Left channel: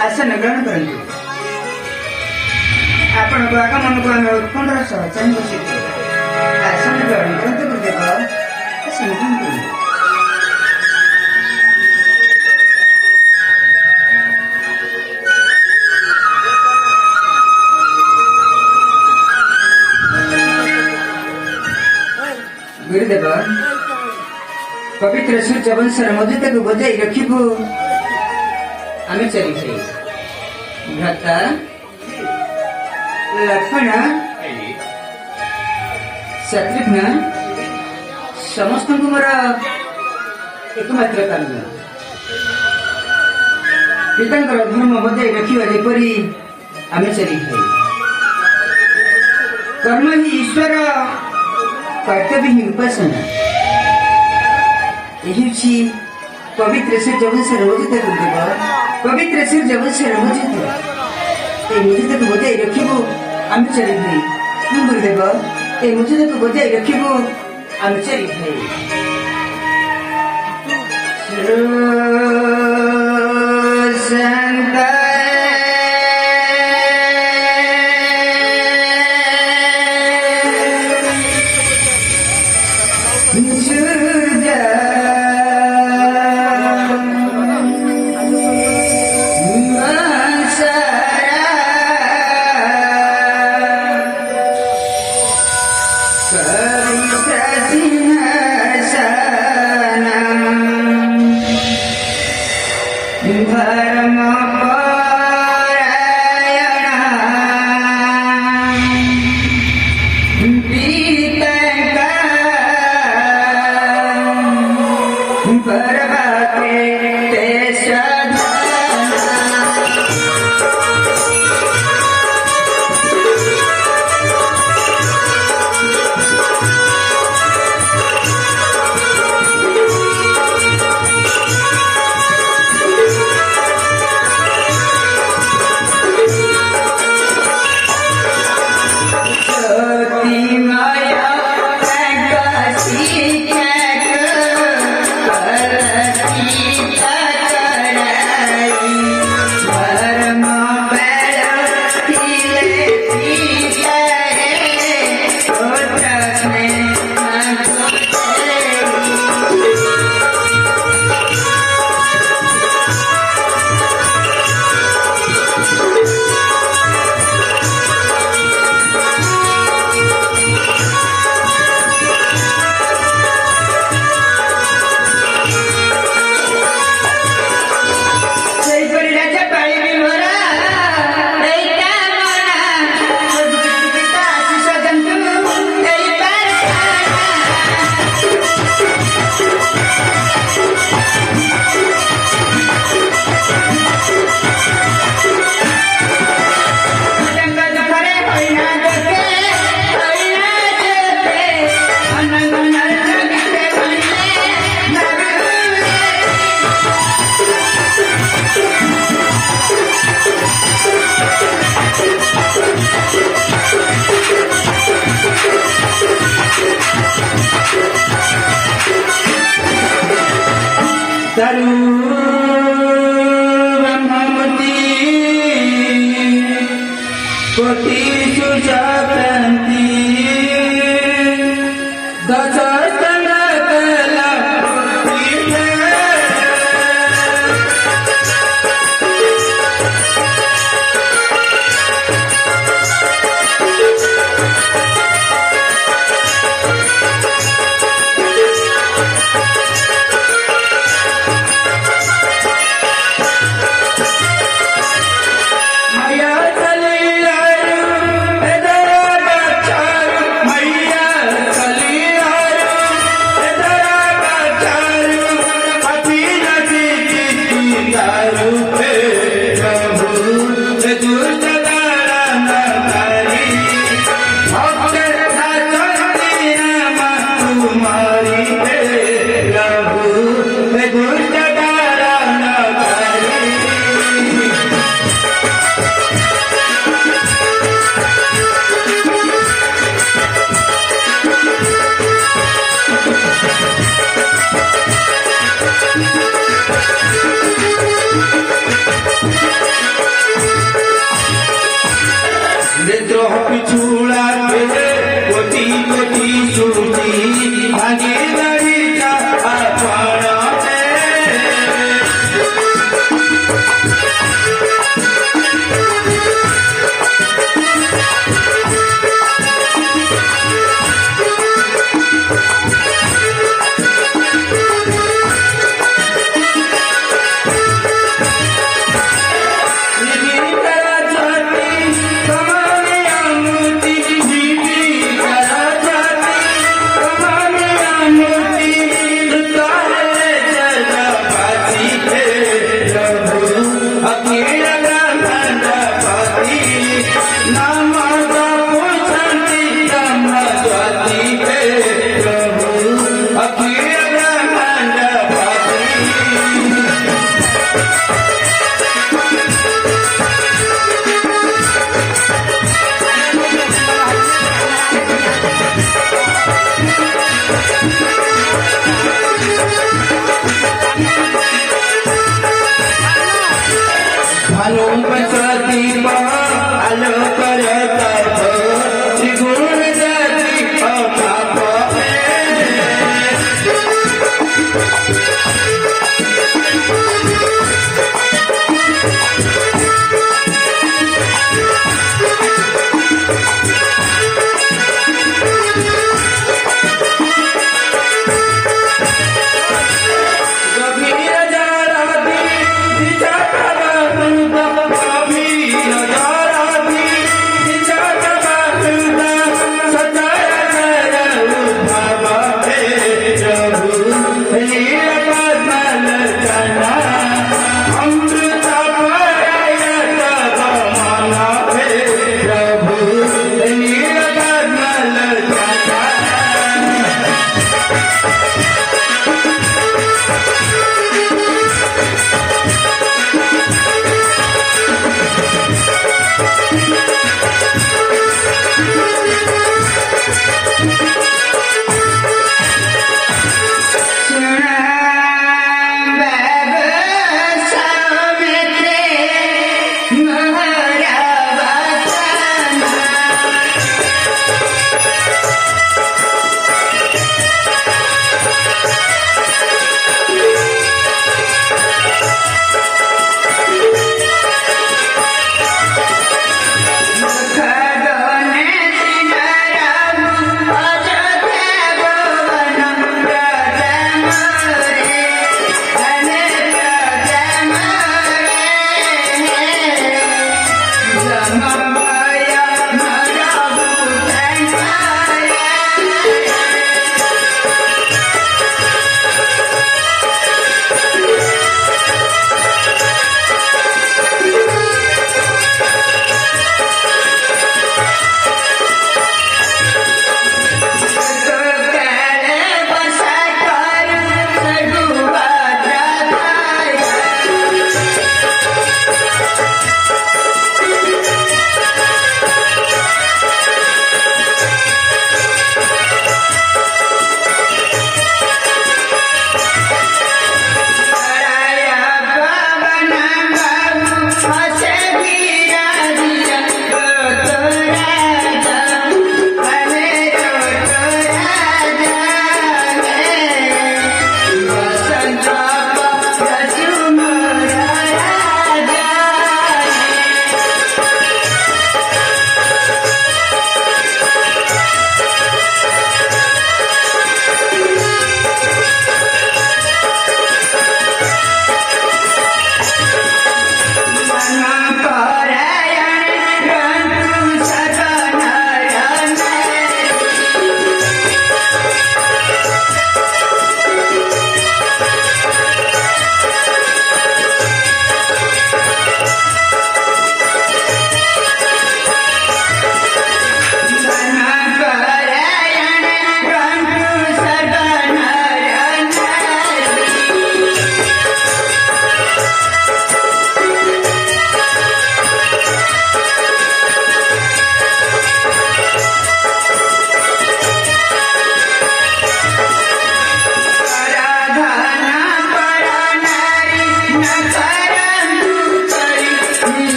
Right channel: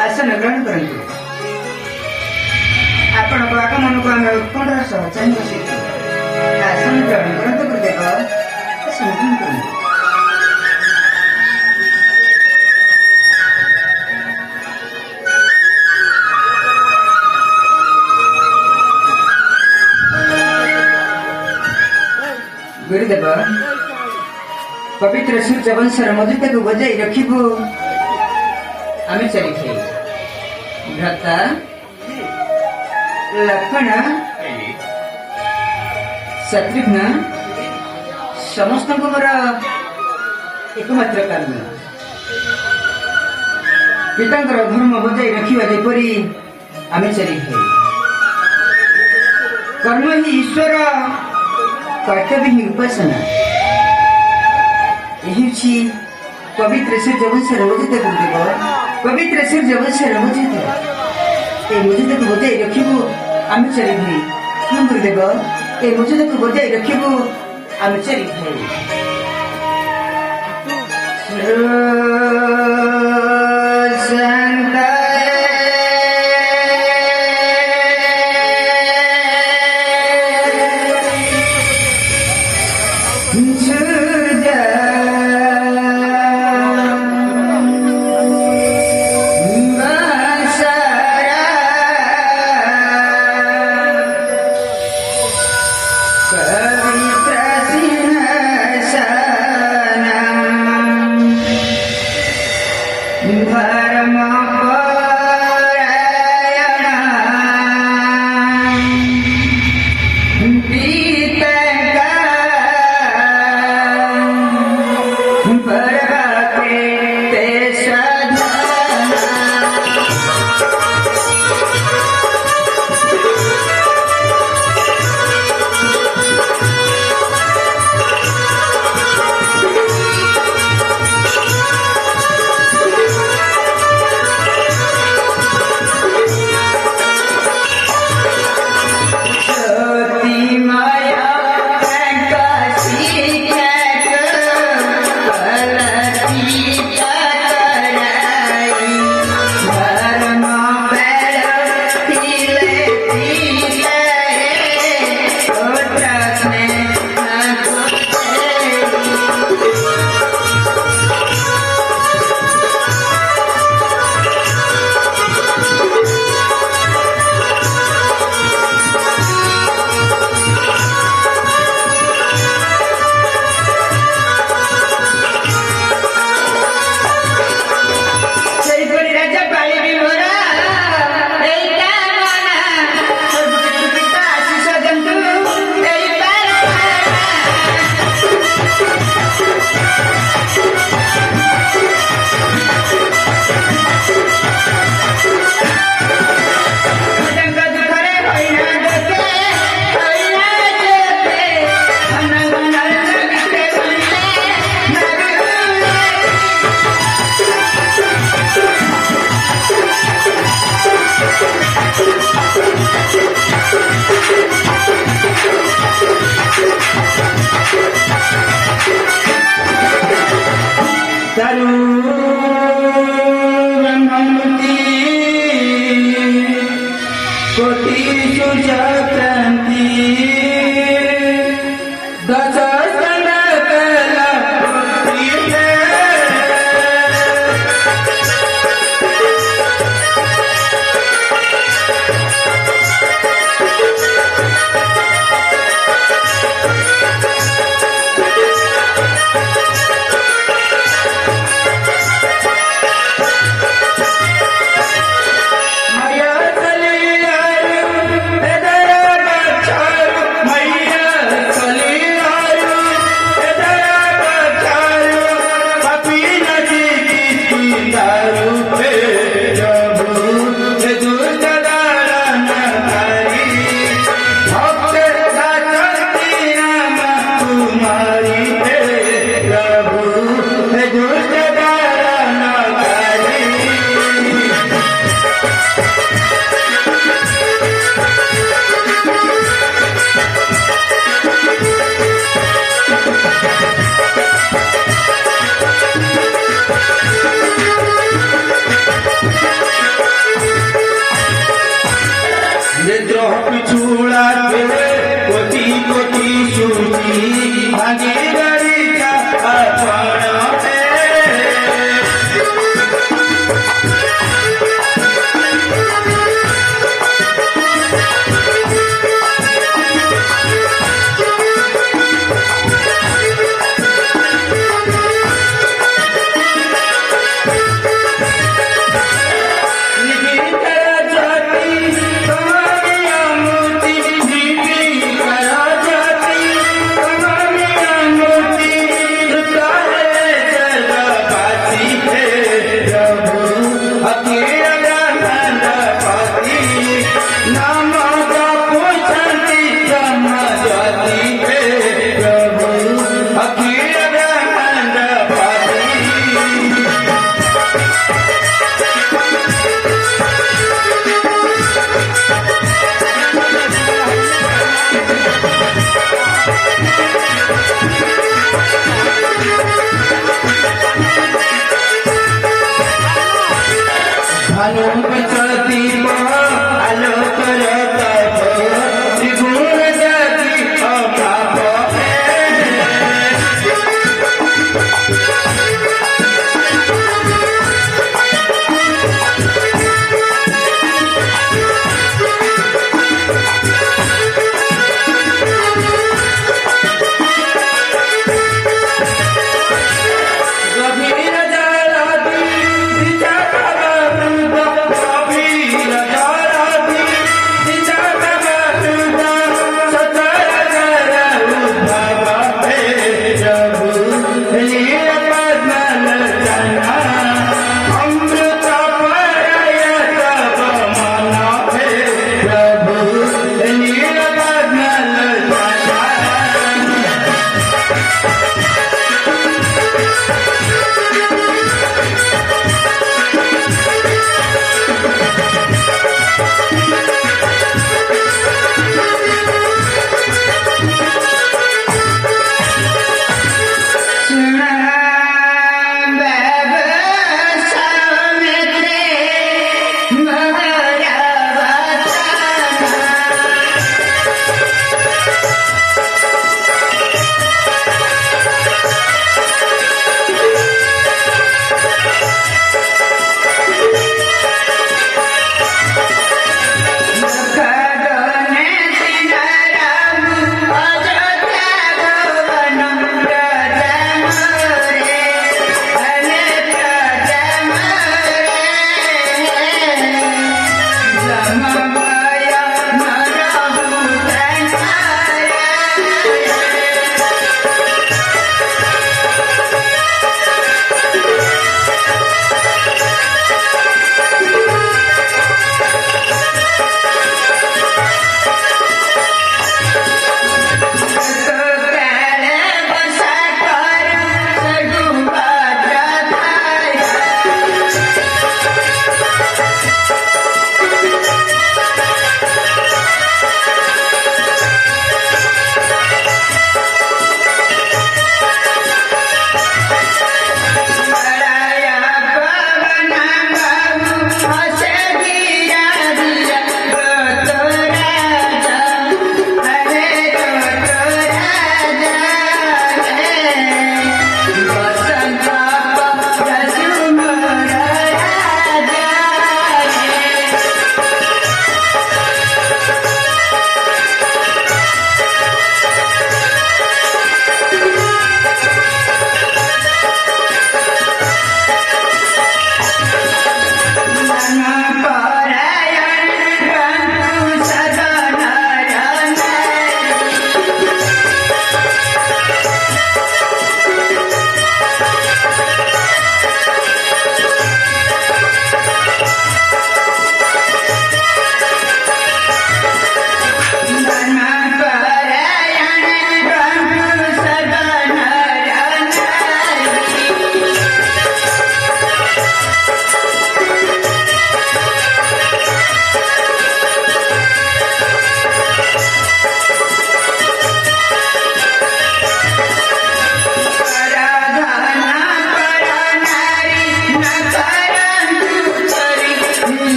आसन ग्रहण करंतु आपण आगमन को आम उत्कंठार सह चाहि बसितु आसन ग्रहण करंतु गुरुदेव आसन ग्रहण करंतु गुरुदेव पवित्र सूर्य वंशर मधुता को बजाई रखिबु आमे चली थे भ्राता लक्ष्मण शत्रुघ्न समस्त मोर एकमात्र कर्म पिता धर्म बजाई रखा जेपरी आमे चली थे कर्म ही ईश्वर कर्तव्य ही उपासना पवित्र सूर्य वंशर मधुता गुरुदेव पवित्र सूर्य वंशर मधुता ये मधुता को बजाई रखिबु आमे चली भाई हाँ गुरुदेव ये मधुता को बजाई रखिबु आमे चली भाई कोटि सुजाति दशस्तन नेत्र पिछुड़ा कोटि कोटि सूची भागीदारी कमाया मोती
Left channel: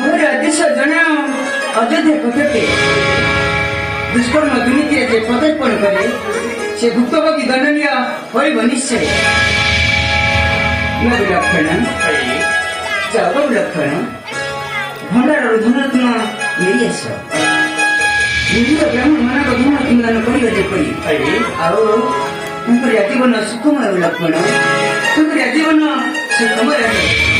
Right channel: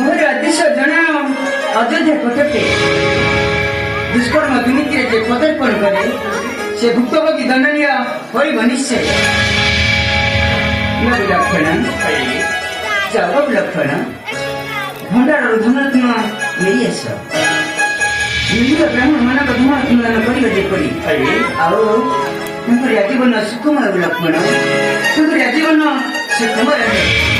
ମୋର ଆଦେଶ ଜଣାଅ ଅଯୋଧ୍ୟା ପଟକେ ଦୁଷ୍କର୍ମ ଦୁର୍ନୀତିରେ ଯେ ପଦାର୍ପଣ କରେ ସେ ଭୁକ୍ତଭୋଗୀ ଦଣ୍ଡନୀୟ ହୋଇବ ନିଶ୍ଚୟ। ଲକ୍ଷଣ ଯାଅ ଲକ୍ଷଣ ଭଣ୍ଡାରରୁ ଧନ ତୁମ ନେଇ ଆସ ନିରୀହ ବ୍ରାହ୍ମଣ ମାନଙ୍କ ଧନ ତୁମଦାନ କରିବ ଯେପରି ଆଉ ତାଙ୍କର ଆଜୀବନ ସୁଖମୟ ଲକ୍ଷଣ ତାଙ୍କର ଆଜୀବନ ସୁଖମୟ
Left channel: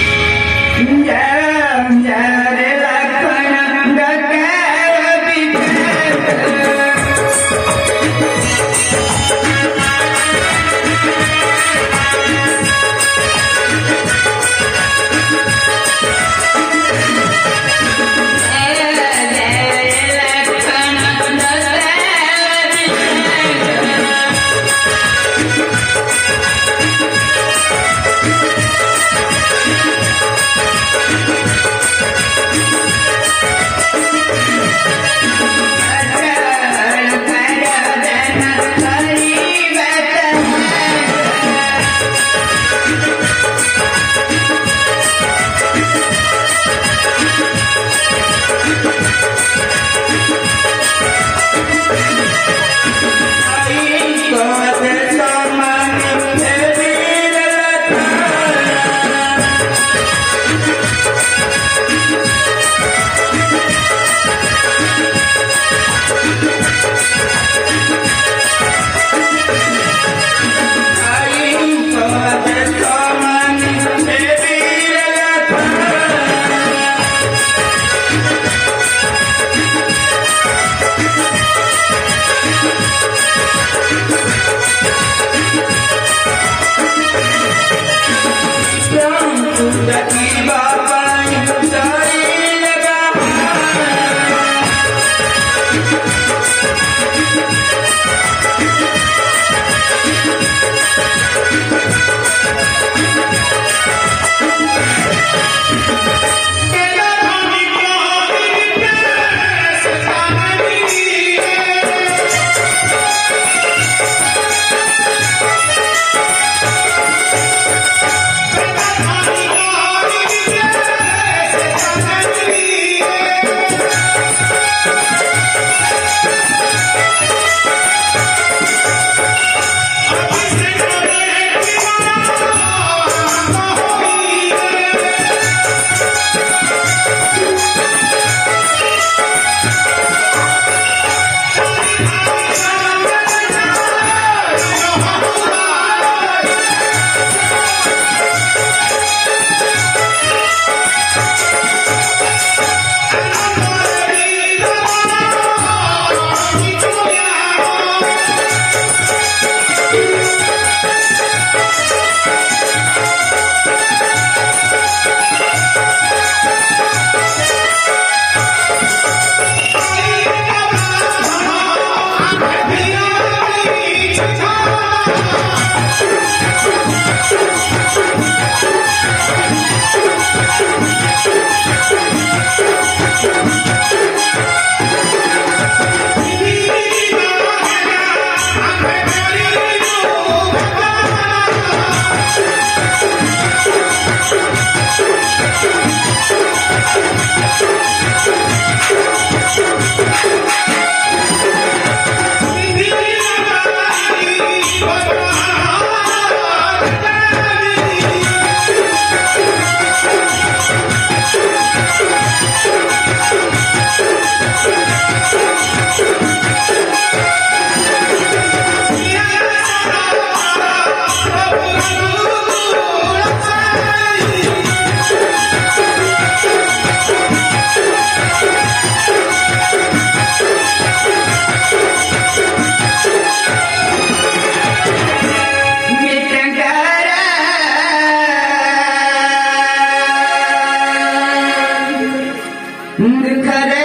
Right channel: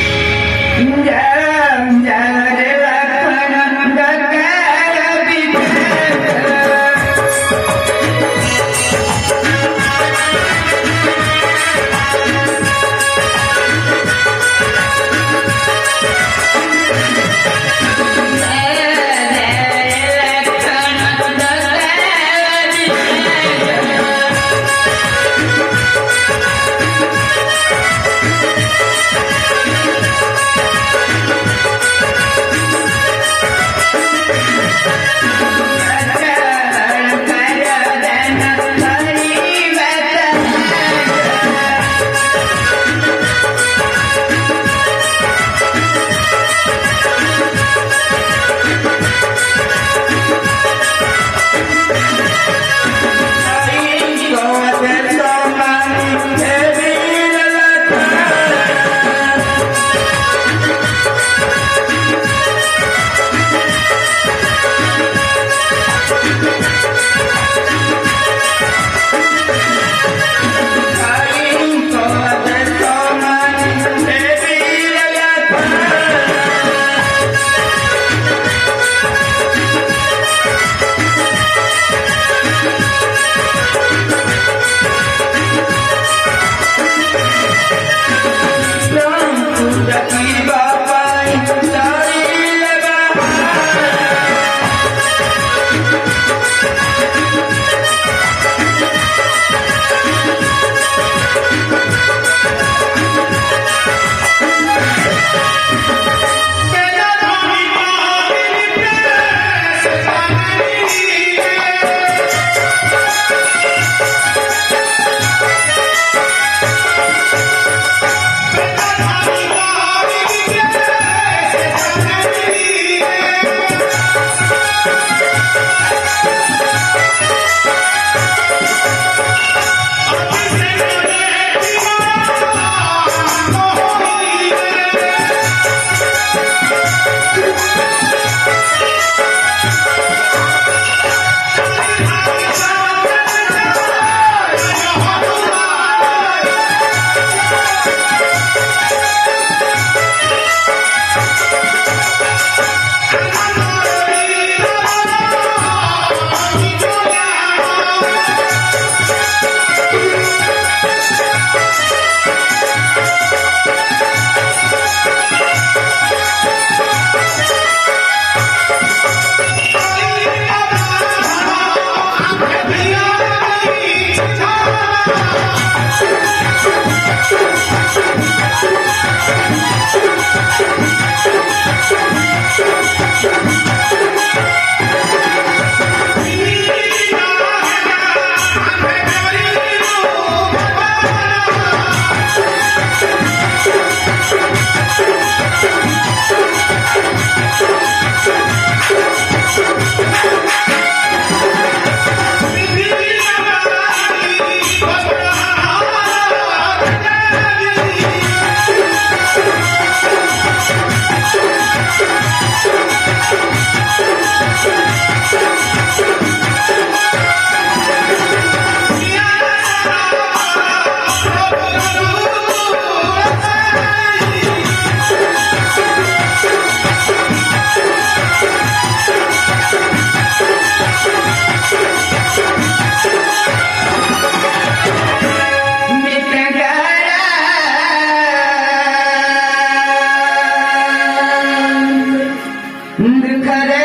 करे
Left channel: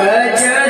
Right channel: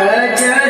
अयोध्या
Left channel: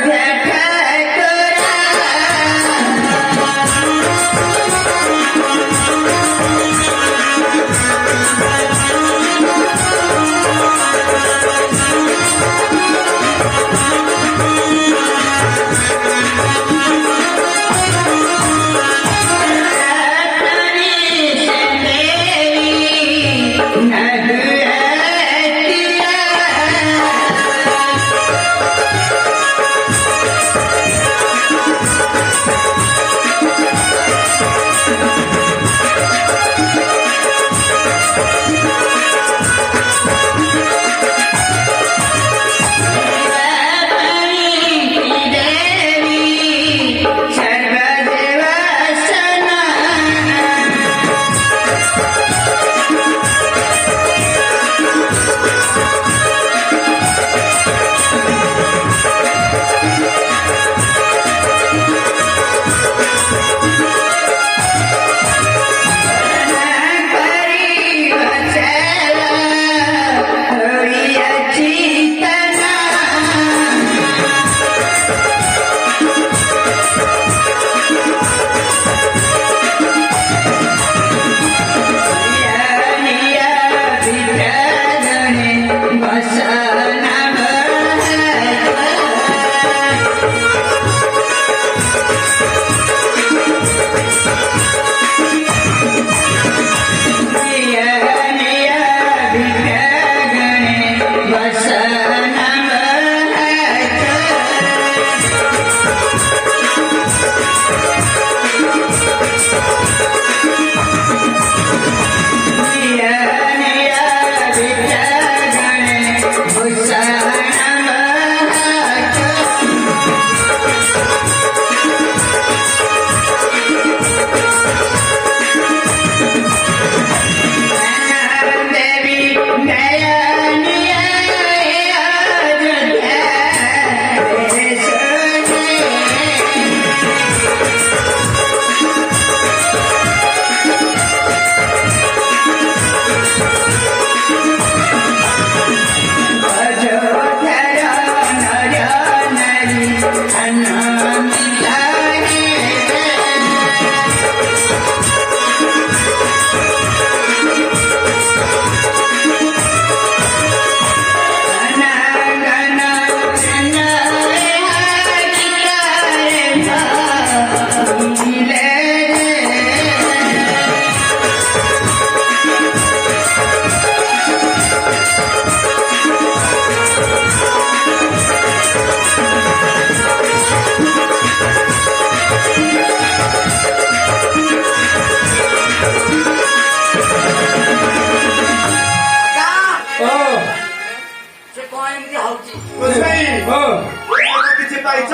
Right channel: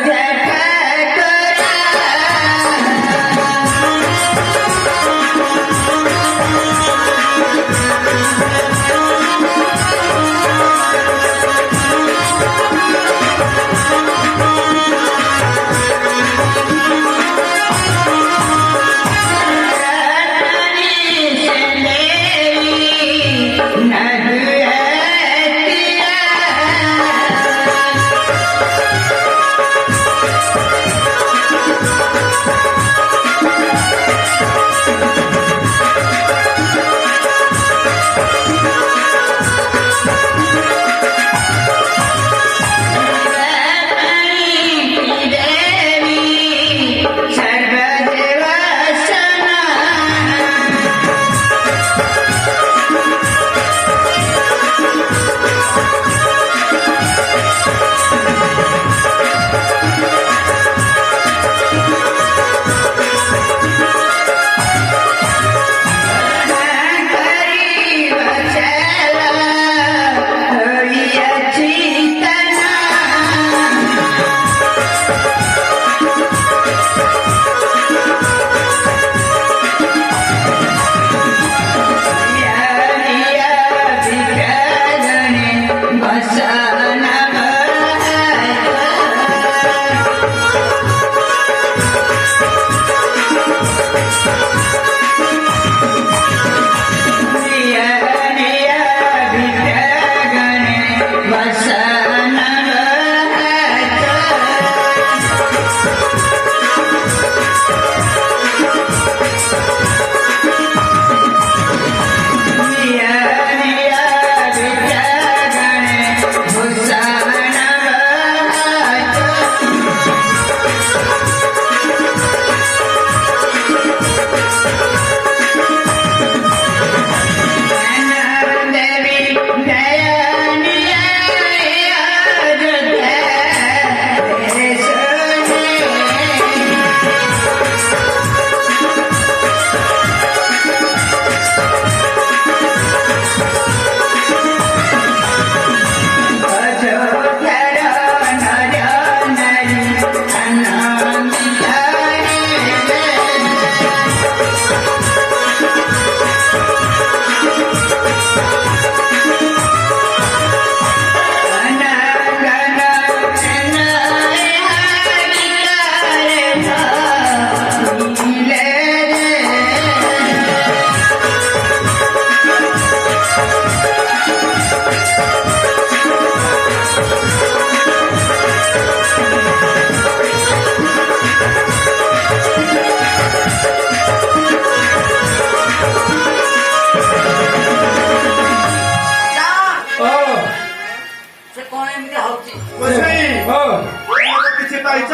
କିଛି ପାଇଛ?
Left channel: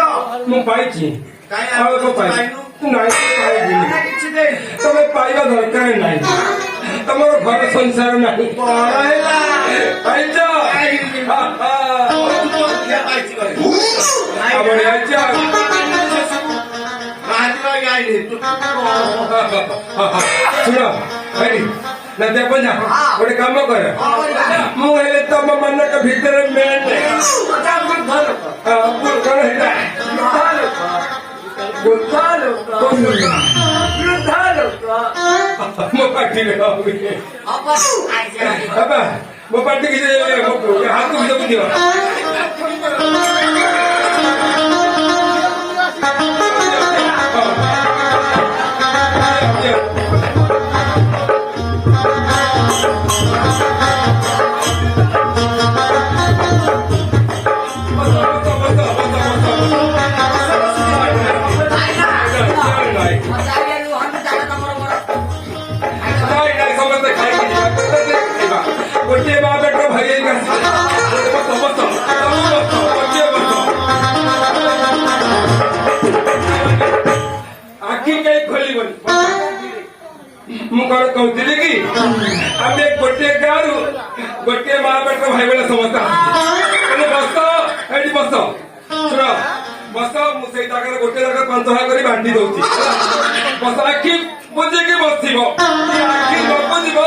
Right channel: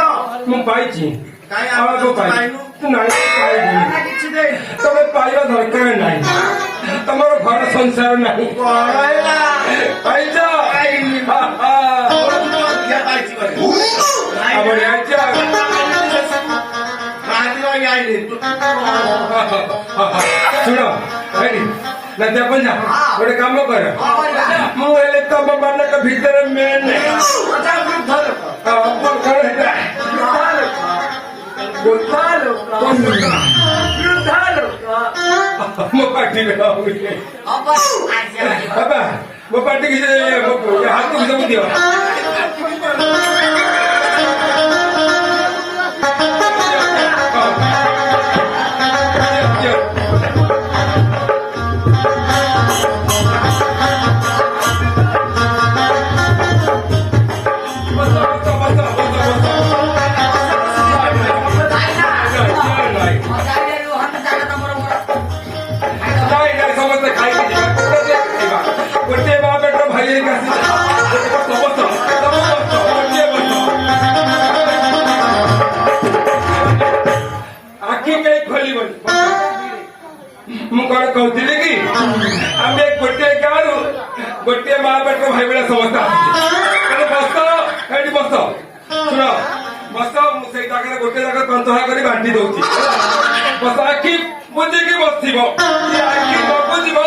ମୁଁ ପାଇଛି କାଇଁ ଆଉ ଆମେ କଣ ପାଇଛି? ପାଇନୁ? ନାଇଁ ପାଇବିନି। କିଛି ଦେଇନି। ତମେ ପାଇବା ଦରକାର ନାହିଁ। ତମର ଘର ସଂସାର ନାହିଁ। କଣ ହେଲା? ପାଇଛ ପାଇନି। ହା, ହା। ମୁଁ ଅଧିକା ପାଇଛି କହିବି। ଆମର ଆଇଛ ବାହାରି ରହି ଆଇଲି। ଶୁଣ ଭାଇ ନା ଦେଖ ଗୋଟେ କାମ କର ମୁଁ ହେଲେ ତମ ମାନଙ୍କ ଭିତରେ ମେନ୍ କଣ ହେଲା ମୋ ପାଟି ବାବା ମୋ ପାଟି କିଛି ହାତକୁ ସବୁ ଦିଅ ସମସ୍ତେ ଖାଇକି ଯିବା ଗୋଟିଏ ମା ପେଟ ଭାଇ ହେଇକି ଆସିବେ ଆଖି କେହି ଖୋଲିବନି ମୁଁ କଣ କହୁଥିଲି କି ଆମେ ଗୋଟିଏ ଗାଁରୁ ଗୋଟିଏ ମା ପେଟ ଭାଇ ଭଳିଆ ସମସ୍ତେ ଆସିଛୁ ବସ ଏଇଠି ବସ ଶୁଣ ବସ ମୁଁ ସେଇ ଜାଗାରେ ଗୋଟେ ଜାଗା ପାଞ୍ଚ କରି ବାଣ୍ଟି ଦଉଛି ବସ ଆଖି ବୁଝିକି ବସିବ ଆଖି ନ ବୁଝିବ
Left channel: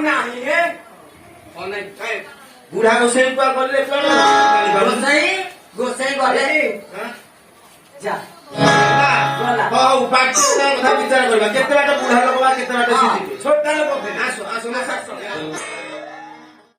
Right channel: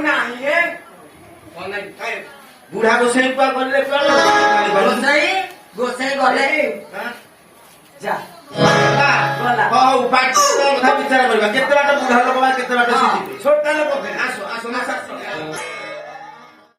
ନା ଇଏ ବୁଢା ଗୋସେଇ ପା ଗଲେ କଣ ଗୋସାଇ ଗଲେ ଯା ହଉ ବାକି କଥା ବିଚାର କରିବା କେତେ ବାଟ ବୁଢା ଲୋକ କେତେ ବାଟ ଶିଖିବେ ଛୋଟ ଲୋକ ଆସ ଆସ